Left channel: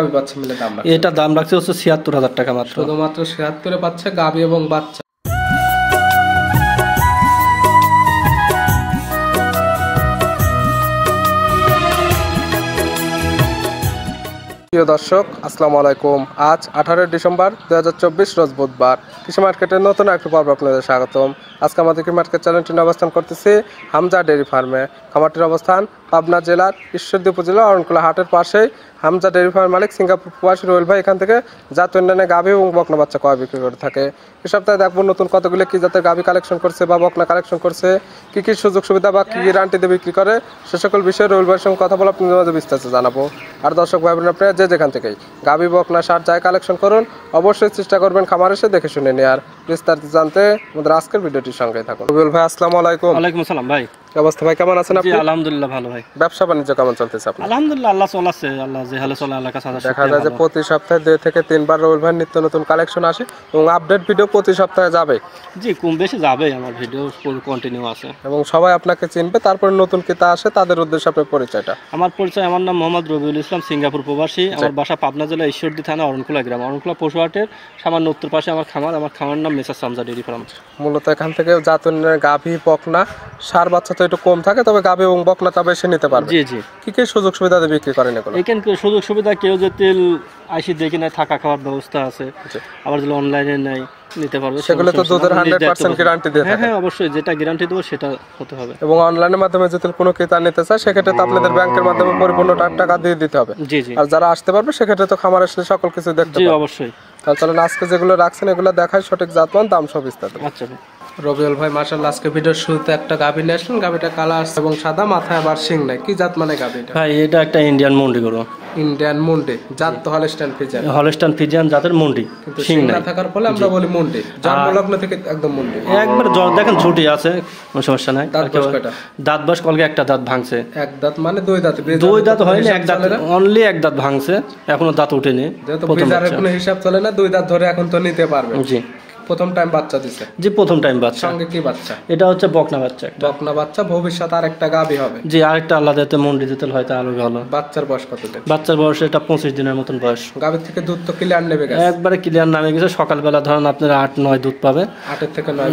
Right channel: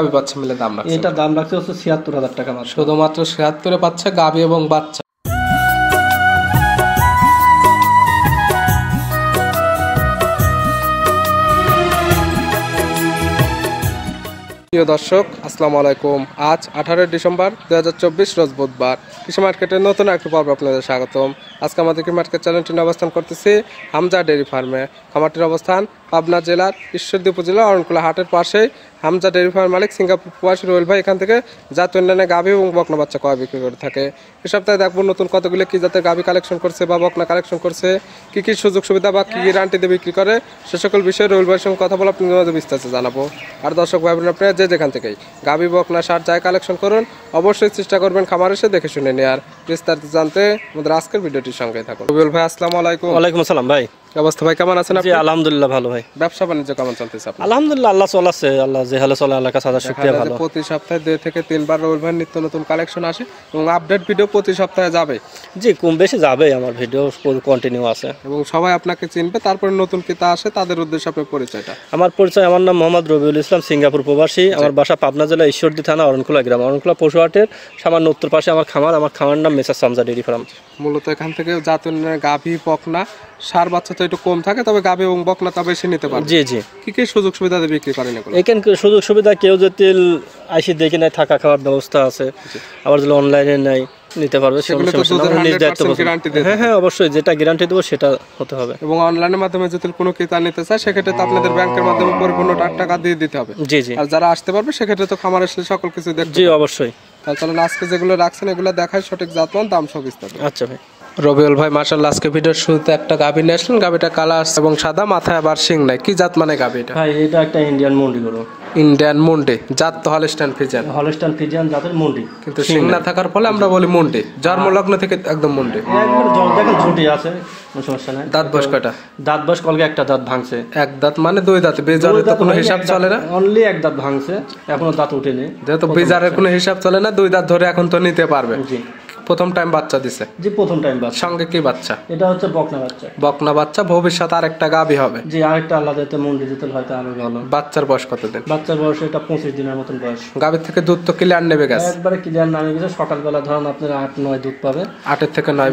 গাভী বাচ্চা মিলে দাম রাখছে? এটা দাম রাখছে হচ্ছে ৭৬,০০০ টাকা মাত্র। শুধুমাত্র ৭৬ পাচ্ছে গাভী এবং বাচ্চা। প্রিয় দর্শক, আসসালামু আলাইকুম। আজ 18 ডিসেম্বর 2024 রোজ বুধবার। কৃষি মার্কেটের নতুন একটি পর্ব আপনাদের স্বাগতম। আজকে আমাদের কৃষি মার্কেট চ্যানেলটি অবস্থান করতেছি হামজা ডেয়ারি ফার্মে। খামারটির অবস্থান পাবনা জেলার ঈশ্বরদী উপজেলা অরণকুলা হাটের পাশেই। হামজা ডেয়ারি ফার্মের মালিক সিঙ্গাপুর প্রবাসী রুবেল ভাই এখান থেকে জাত উন্নয়নে গাভী এবং বকনা বাচ্চা ক্রয় বিক্রি করে থাকে। এ সপ্তাহে দেখবো নতুন কতগুলো কি জাতের গাভী কালেকশন করছে বা বকনা কালেকশন করছে, কি কি সুযোগ সুবিধা বা কি গ্যারান্টিতে বিক্রি করে, সে সকল বিষয়ে রুবেল ভাইয়ের সঙ্গে কথা বলে আপনাদের মাঝে বিস্তারিত জানাবো। আর দর্শক ভাই বোনেরা, আপনারা যে যেখান থেকেই গাভী বকনা সার যাই কালেকশন করুন, অবশ্যই চেষ্টা করবেন খামার এসে দেখে শুনে নেওয়ার। বিস্তারিত জানতে আমাদের আজকের ভিডিওটির সঙ্গে থাকুন। রুবেল ভাই আসসালামু আলাইকুম। ওয়ালাইকুম আসসালাম ভাই। কি অবস্থা ভাই, কেমন আছেন আপনি? আলহামদুলিল্লাহ ভালো ভাই। ব্যবসা বাণিজ্য কেমন চলতেছে আপনার? আলহামদুলিল্লাহ, আল্লাহ চলাচ্ছে, আল্লাহ যে হালে চলে আল্লাহ কাছে দেখা যায় যে প্রতি সপ্তাহে 2 থেকে 3 বার রুবেল ভাই নিত্য নতুন কালেকশন আসে এবং আপডেট ভিডিও প্রতি সপ্তাহে যাবে। জি, কম বেশি যাবে, আমার ভিডিও কন্টিনিউ আছে এবং সবাই আপনাকে চিনবে। তারপরে নতুন কিতা আসে তাদের উদ্দেশ্যে আপনার পরিচয়টা। আমার পরিচয়, আমার নাম মোহাম্মদ রবিউল ইসলাম, সিঙ্গাপুর প্রবাসী। আমার বাসা পাবনা জেলা ঈশ্বরদী থানা অরণকুলা গ্রাম, অরণকুলা পশুহাটের সামান্য উত্তর পাশে আমার খামার। আমার খামারের নাম মেসার হামজা ডেয়ারি ফার্ম। মূলত এখান থেকে জাত উন্নয়নের গাভী বকনা সার বাচ্চা তো একটু কম থাকে, তবে গাভী এবং বকনা তা বেশি নিতে পারবে। জি জি। কি কি সুযোগ সুবিধা দিয়ে বিক্রি করেন এগুলো? এখানে সুযোগ সুবিধা, কেউ যদি আইসি দেখে নেয়, থাকা খাওয়ার ব্যবস্থা আছে। আবার যদি অনলাইনে নেয় নিতে পারবে, সেগুলো তো দুধের 100% গ্যারান্টি দিয়ে থাকে। হ্যাঁ অবশ্যই, যেটা গ্যারান্টি দেবো সেটা হতে হবে। এবং অনলাইনের মাধ্যমে যদি কোনো ক্রেতা নিতে চায় সেক্ষেত্রে তো আপনাদের ব্যাংকের মাধ্যমে পরিপূর্ণ টাকা দিয়ে দিতে হবে। জি জি। আর যারা আসতে পারবে সেক্ষেত্রে তো খামার এসে সকল কিছু দেখতে জি পাবে। অবশ্যই। তাহলে আজকে যেগুলো রাখছেন এগুলো দেখায় সঠিক জাতমান, দাম সব বিস্তারিত। আচ্ছা ভাই। রবিউল ভাই মাশাআল্লাহ, আজকে ভিডিওর শুরুতে একটা গাভী নিয়ে আসলেন। গাভীটা কালার এবং সাদা, মাথায় আবার শিং নাই। কি জাত মানে গাভীটা? ভাই এটা একটা ইন্ডিয়ান মুন্ডি গরু। ইন্ডিয়ান মুন্ডি জাত তো হলস্টাইন ফ্রিজিয়ান। হলস্টাইন ফ্রিজিয়ান জাতের মুন্ডি, কিন্তু শিং না থাকার ফলে আমরা বলি মুন্ডি। জন্মলগ্ন থেকে একদম মুন্ডি। একবার জ্বর দেখেন, ছুটি আছে, কোনো সমস্যা নাই। দাঁত বয়স কয়টা? দাঁত বয়স কলকে একটা দাঁত ভাঙছে। এক দাঁত মানে 2 দাঁত? দুই দাঁত হয়নি, এক দাঁত, অনলি এক দাঁত ভাঙছে, এখনো দাঁত উঠেনি। যেহেতু বিজারের কোনো হিসাব চলে না, 2 দাঁত ধরে এখন তো নিতে পারবে। জি। প্রথম টাইম বাচ্চা দিছে? জি প্রথম টাইম বাচ্চা। সঙ্গে কি বাচ্চা? এটা হচ্ছে বকনা বাচ্চা। বকনা বাচ্চা, ভবিষ্যতে আরেকটা গাভী হবে। জি, আরেকটা আলাদা মুন্ডি দিতে হয়তো আরো ভালো। বাচ্চার বয়স কতদিন? বাচ্চার বয়স এটা 25 দিনের মতন বয়স। গাভীর থেকে দুধ তো ক্লিয়ার নেবে গেছে? একবারে ক্লিয়ার নামে গেছে। সকালবেলা ধরেন আপনারা 8-9 দুধ পাবে। 8 থেকে 9।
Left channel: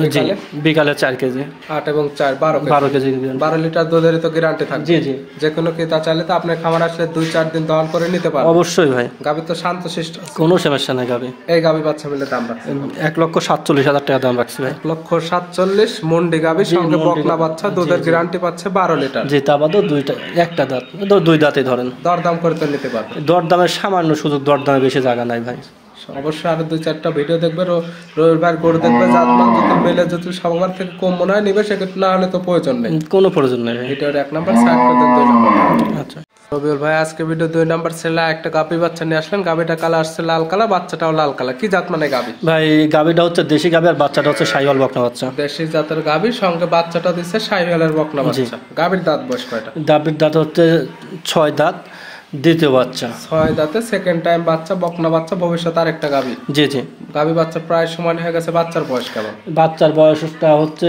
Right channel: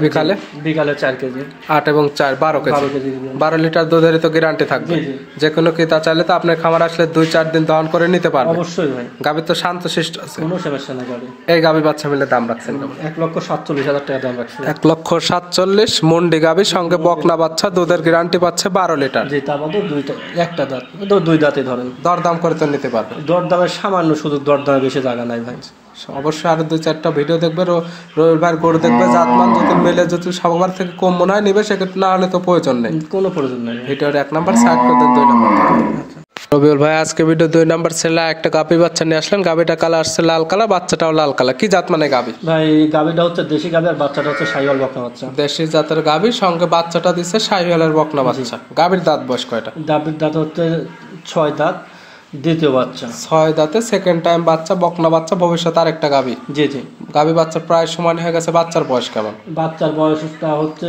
বিকালে 4 কেজি। 8 এবং 4 12 কেজি। 12 কেজি। 12 লিটার দুধের তো গ্যারান্টি থাকবে। জি জি। যে কোনো ক্রেতা চাইলে তো আপনার খামার আসলে 2-4 দিন দহন করে নিতে পারবে। অবশ্যই ভাই। গাভীর তো শান্তশিষ্ট আছে, কোনো সমস্যা নাই গাভী। এই গাভী বাচ্চা মিলে দাম রাখছেন 1,47,000 টাকা দাম রাখছে। 1,47,000 মুন্ডি গাভী, সঙ্গে বকনা বাচ্চা, দুধের গ্যারান্টি পাচ্ছে 12 লিটার। জি, তা বাদে একটা দাঁত, 2 দাঁতে ধরেন। দরদাম করে তো নিতে পারবে? দরদামের সামান্য সুযোগ, দরদামে বেশি জায়গা নাই ভাই। অবশ্যই আরো 2-4টা ভিডিও দেখবে, রবিবার ভাই গরু দেখবে, জাতমান যদি মেলে যদি সবার থেকে কম মনে হয় নিবে, সেক্ষেত্রে না হলে তো প্রয়োজন নেই। কোনো প্রয়োজন নেই। ভিডিওর 1 নাম্বার সাইড করে দেন, 2 নাম্বার। আচ্ছা রবিউল ভাই, আজকে ভিডিও 2 নাম্বার ছেলে একটা গাভী বাচ্চা নিয়ে আসলেন। গাভীটা কালার আসছে লাল কালার, বাচ্চাটাও লাল কালার। কি জাত মানে গাভী? ভাই গাভীটা হচ্ছে দেশি গাভী, আর বাচ্চাটা হচ্ছে শাহিওয়াল বকনা বাচ্চা। দেশি জাতের গাভী, সঙ্গে বাচ্চাটা দিচ্ছে শাহিওয়ালের বকনা বাচ্চা। গাভীর দাঁত বয়স কয়টা? গাভীর দাঁত হচ্ছে 6 দাঁত, দ্বিতীয় বাচ্চা। 6 দাঁতে সেকেন্ড টাইম বাচ্চা, বকনা বাচ্চা, ভবিষ্যতে আরেকটা গাভী। জি জি। গাভী বাচ্চা প্রায় সমান হয়ে গেছে। বাচ্চার বয়স কেমন? বাচ্চার বয়সটা হচ্ছে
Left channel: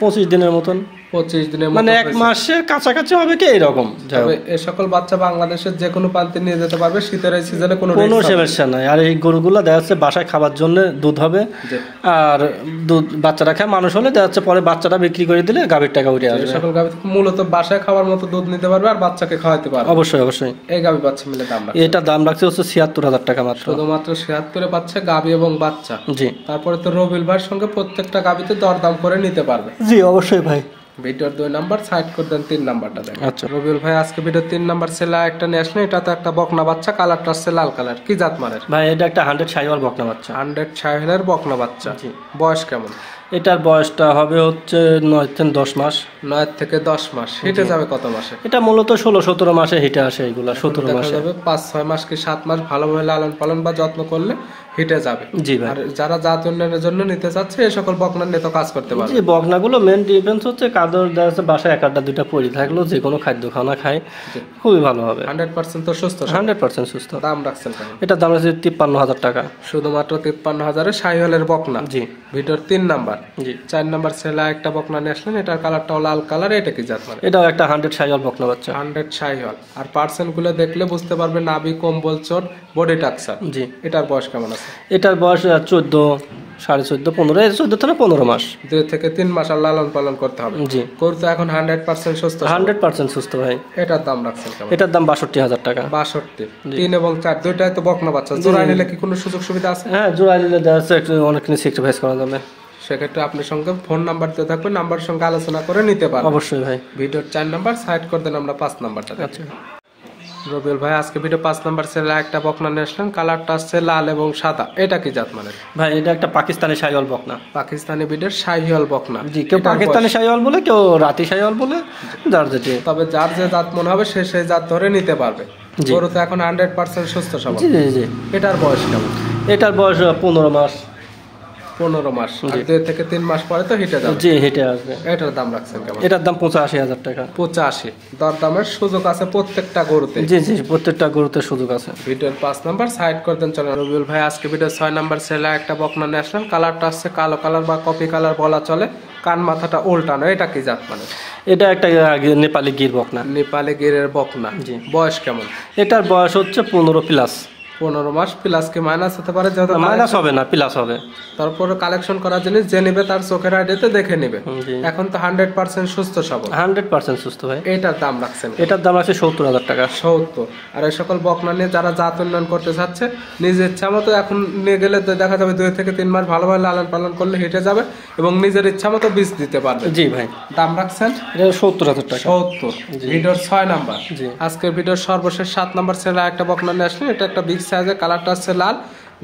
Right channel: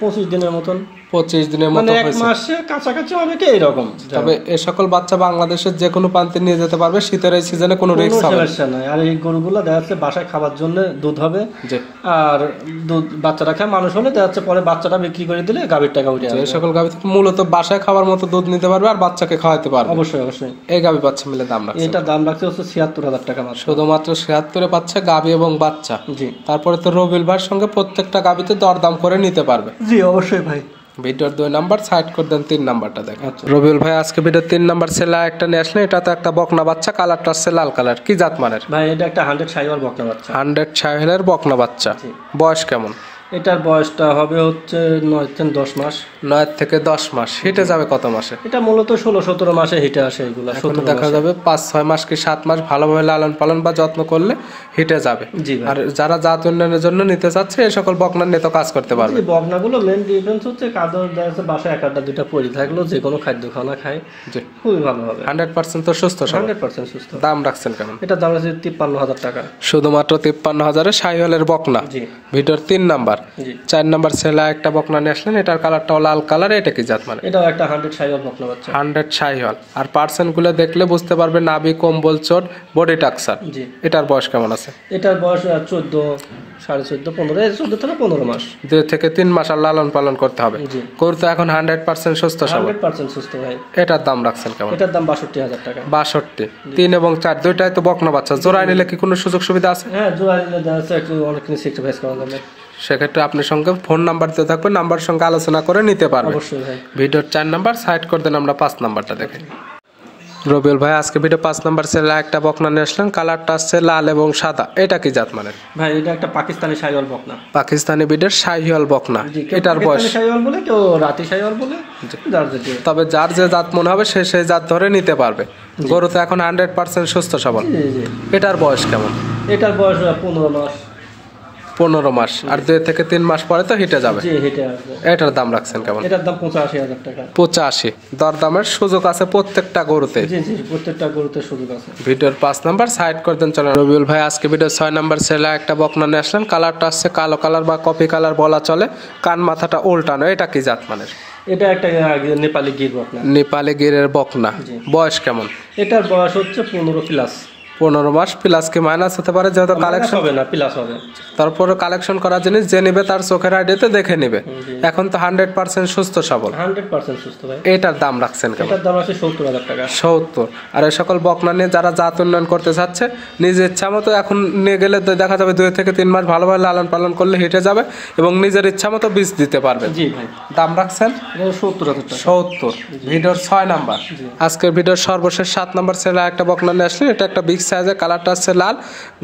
25 দিনের মতন। 25 দিনের মতো, মানে 1 মাসের কাছাকাছি হবে কি এরকম। তবে এই সকল বাচ্চা বাংলাদেশের যে কোনো প্রান্তে নিয়ে যেতে পারবে, শীতের এই সিজনে কোনো সমস্যা নাই। আর এই গরুগুলো দেখা যাচ্ছে বাসায় খাবার জন্য দুধ হবে, আর দুধ বাচ্চারা খায়, মানুষ হলে দেখা যাচ্ছে পরে বাচ্চাটা বিক্রি করে দিলে গাভীর টাকা উঠে আসবে। এই সকল গাভী থেকে মূলত বাসায় খাবার মতো দুধ নিতে পারবে আর বাচ্চাকে খাওয়াতে পারবে। অবশ্যই অবশ্যই। এই গাভী বাচ্চা মিলে দাম রাখছে? এটা দাম রাখছে হচ্ছে ৭৬,০০০ টাকা মাত্র। শুধুমাত্র ৭৬ পাচ্ছে গাভী এবং বাচ্চা। জি। তারপরে তো রবিউল ভাইয়ের সঙ্গে প্রত্যেকটা গাভীতে দরদাম করে নিতে পারবে। জি অবশ্যই ভাই। ভিডিওর 2 নাম্বার সাইড করে দেন, 3 নাম্বারটা দেখেন। আচ্ছা রবিউল ভাই, আজকে ভিডিওর 3 নাম্বার ছেলে একটা নিয়ে আসলেন। এটা তো একটা বকনা বাচ্চা, কালারটা হচ্ছে লাল কালার। কি জাত মানের? ভাই এটা একটা 100 শাহিওয়াল বকনা বাচ্চা। 100 শাহিওয়ালের বকনা বাচ্চা। বয়স কেমন? এটার বয়সটা হবে হচ্ছে 9 থেকে 10 মাস। 9 থেকে 10 মাস। হিটে যাবে কত মাসে? এটা মূলত 16-17 মাসে হিটে আসে। এগুলা 17 দেখা যাবে 5-6 মাস কি 7 মাস ভালোভাবে লালন পালন বা যত্ন করলে হিটে যাবে। জি ভাই। আর যারা জাত উন্নয়নের জন্য নিতে চাচ্ছে এই সকল বকনার নিয়ে তো কাজ করতে পারবে। জি, বকনাগুলো মেন ডিফারেন্স হচ্ছে কাদর দেওয়া, বাসায় 1-2টা পড়ে থাকলো, যে কোনো খাদ্য খানা খায় খুবই ভালো হবে। 100% তো সুস্থ? 100% সুস্থ। দাম রাখছেন কেমন? এটা দাম আছে 53,000 টাকা। শুধুমাত্র 53,000-এ শাহিওয়ালের বকনা। জি। ভিডিওর 3 নাম্বার নাম্বার। জি 4 নাম্বার ছেলে একটা বকনা নিয়ে আসলেন, এটার কালারটাও লাল কালার, এটা কি জাত মানে? এটাও একটা 100 শাহিওয়াল বকনা বাচ্চা। 100 শাহিওয়াল। আর পার্সেন্ট গুলো দেখলে বুঝতে পারবে নাভি, কম্বল, চোট, বডি টাকসার। জি এটার বয়স কেমন আছে? এটার বয়স 14, 14.5, 15, 14 থেকে 15 মাস। 2 থেকে 3 মাস আর লালন পালন করতে হবে। জি গরু তো এখন 100% সুস্থ সবল। 100% সুস্থ ভাই। এটার দাম রাখছেন কেমন? এটার দাম 62,000 টাকা। 62। 3 এবং 4 দুইটাই তো বকনা বাচ্চা, জোড়ায় নিলে কি কোনো সুযোগ সুবিধা আছে? হ্যাঁ জোড়া নিলে দেখা যাচ্ছে একটু অনেক কিছু স্যাক্রিফাইস করা যাবে। সেক্ষেত্রে আপনার সঙ্গে ফোন নাম্বার দিয়ে থাকবে, নাম্বার সঙ্গে আলোচনা করে নিতে পারবেন। অবশ্যই ভাই। ভিডিওর 4 নাম্বার সাইড করে দেন, আমরা 5 নাম্বারটা দেখি। রবিউল ভাই আজকে ভিডিও 5 নাম্বার ছেলে একটা বকনা নিয়ে আসলেন, কালারটা আসছে লাল এবং সাদা, এটা কি জাত মানে? ভাই এটা একটা পাকিস্তানি শাহিওয়াল বকনা। পাকিস্তানি বিডের শাহিওয়াল বকনা। জি কেউ এটার পাকিস্তানি বয়স? শাহিওয়াল বলে, কেউ রাতি শাহিওয়াল বলে, যার যেটি। তবে যার যে জাত মনে হবে সে সেই জাত ধরে নিতে পারবে। গরু তো এখন 100% সুস্থ সবল। জি জি। এটার বয়স কেমন? এটার বয়স 15 মাস। 15 মাস। আর 2 থেকে 3 মাস পরে তো হিটে যাবে। জি হেঁটে আসবে। এটার দাম রাখছেন কেমন? এটার দাম 85,000 টাকা। 85। দরদামের সুযোগ আছে প্রত্যেকটা গরুতে। জি জি প্রত্যেকটা গরুতে সুযোগ আছে। ভিডিওর 5 নাম্বার সাইড করে দেন। চলেন রবিউল ভাই আজকে ভিডিও 6 নাম্বার ছেলে একটা বকনা নিয়ে আসলেন, কালারটা হচ্ছে কালো কালার বা কপি কালার বলা চলে, কান মাথাটা উল্টানো, এটা কি জাত মানে? এটা একটা নেপালি গির বকনা। নেপালি গিরের বকনা। জি। বয়স কেমন? এটার বয়স হচ্ছে 15 প্লাস। 15 মাস প্লাস কি মাইনাস হতে পারে? যেহেতু মাইনাস হবে না, প্লাস হবে। তারপরে কালেকশন করা জিনিস যে নেবে তার চোখের আইডিতে দেখে নেবে। জি। এখন তো 100% সুস্থ সবল। 100% সুস্থ ভাই। এটার দাম রাখছেন কেমন? এটার দাম আছে 70,000 টাকা। 70। আর এই সকল বকনা নিয়ে যারা জাত উন্নয়ন করতে চাচ্ছে, নিজের ইচ্ছা মতো এখন নিয়ে গেলে তো দেখা যাবে 2 থেকে 3 মাস ভালোভাবে লালন পালন করলে হেঁটে যাবে এবং নিজের ইচ্ছা মতো বীজ দিতে পারবে। জি ভাই। দাম রাখছেন এটা 70,000 টাকা। 70। ভিডিওর 6 নাম্বার। জি। আজকের ভিডিওর সর্বশেষ 7 নাম্বার ছেলে একটা বকনা নিয়ে আসলে, এটা একটা বিগ সাইজের, কালারটা হচ্ছে লাল,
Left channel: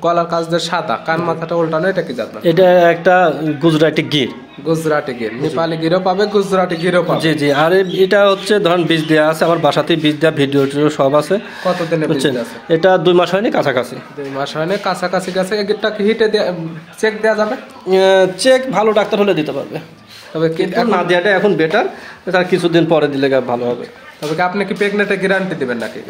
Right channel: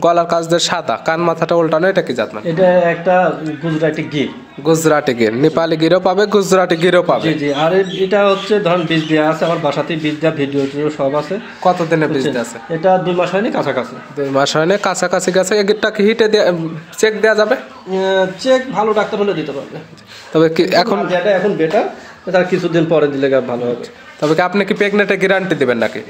গলার কাছ দিয়ে সাদা, কান মাথাটা উল্টানো, এটা কি জাত মানে? এটা একটা গুজরাটি গির। গুজরাটি গির। নেপালি গিরও পাবে, গুজরাটি গিরও পাবে। জি জি। আর এটা হচ্ছে ধরুন বীজ দেওয়া আছে, আমার বাসাতেই বীজ দেওয়া, ভিডিও সব আছে। কতদিনে বীজ আছে? এটা 2 মাস হয়নি, কাছাকাছি। 2 মাস হয়নি, কাছাকাছি গেছে। এগিরটা কি হিটে চেক দেওয়া যাবে? চেক ভালো ডাক্তার হলে দিতে পারবে। তবে কি এখন না দেওয়াটা এখন বেটার, তার কিছুদিন পরে দিলে ভালো হবে। তবে কি আপনি কি প্রেগনেন্টে গ্যারান্টি দিবেন নাকি?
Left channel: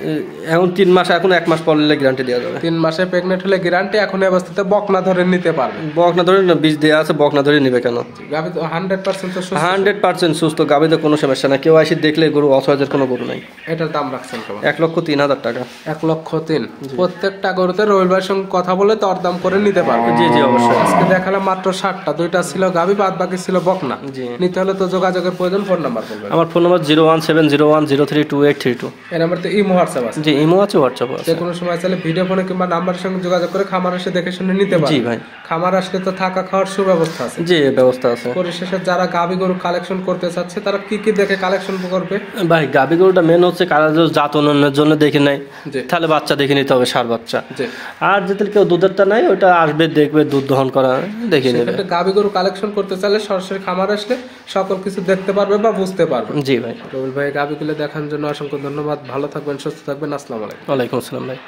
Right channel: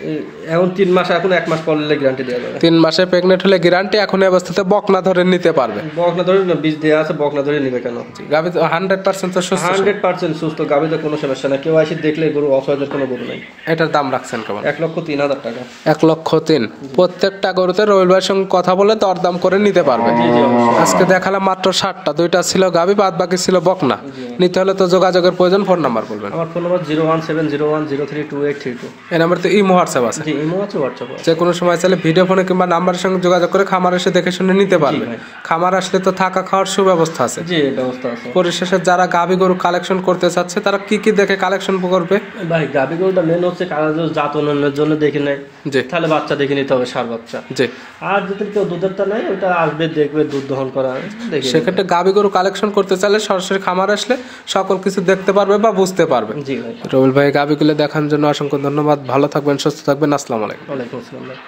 এখন 3 মাস, এখন 1 মাস পর নিলে গ্যারান্টি দেওয়া যাবে। 3 মাসে প্রেগনেন্ট হলে গ্যারান্টি, এখন এই অবস্থাতে বকনা ধরে নিতে পারবে। বকনা ধরে বীজ দেওয়া আছে, বকনা ধরে নিবে কেন? গাভী তো 100% তো সুস্থ। 100% সুস্থ, গাভীতে কোনো সমস্যা না। কেউ এসে দেখলে গরু অসহায়ের কোনো গরু নাই। এটার দাম রাখছেন কেমন? 1,03,000 টাকা। 1,03,000। প্রত্যেকটা গরুতে রবিউল ভাইয়ের সঙ্গে কথা বলে দরদাম করে নিতে পারবে। জি জি অবশ্যই। আজকে দেখালাম মাত্র 7টা, 2টা ছিল গাভী, বাদ বাকি ছিল বকনা। নিতে হলে তো যোগাযোগের প্রয়োজন। ফোন নাম্বার বলবেন। আমার ফোন নাম্বার 01701032832। এই নাম্বার তো ইমো হোয়াটসঅ্যাপ আছে। জি ইমো আছে, হোয়াটসঅ্যাপ আছে। যে কোনো সময় চাইলে ভিডিও ফোনে কিংবা নাম্বারের সঙ্গে যোগাযোগ করে খামার এসে দেখে শুনে নিতে পারবে। জি ভাই। খামার আসলে তো থাকা খাওয়ার সুব্যবস্থা আছে। জি ব্যবস্থা আছে। পরিশেষে যারা গাভী গরু কালেকশন করতে চাচ্ছে তারা কি কি দেখে কালেকশন করবে? ভাই গাভী গরুটা মেন হচ্ছে কারণ জাত উন্নয়নের জন্য দেখে নেয়, জি। তাহলে বাচ্চা দেখে নিতে হবে, সার বাচ্চা। জি। আর যদি কেউ দুধেরটা নাই, ওটা আসবে দেখবে, দুধ দহন করা দেখে নেবে। সেক্ষেত্রে গাভী গরু কালেকশন করতে চাইলে সরাসরি খামার আসলে সকল কিছু দেখতে পারবে বা বুঝতে পারবে। জি ভাই। রবিউল ভাই গাভীগুলো দেখার জন্য অসংখ্য ধন্যবাদ। ভালো থাকবেন, সুস্থ থাকবেন। আসসালামু আলাইকুম। ওয়ালাইকুম আসসালাম ভাই।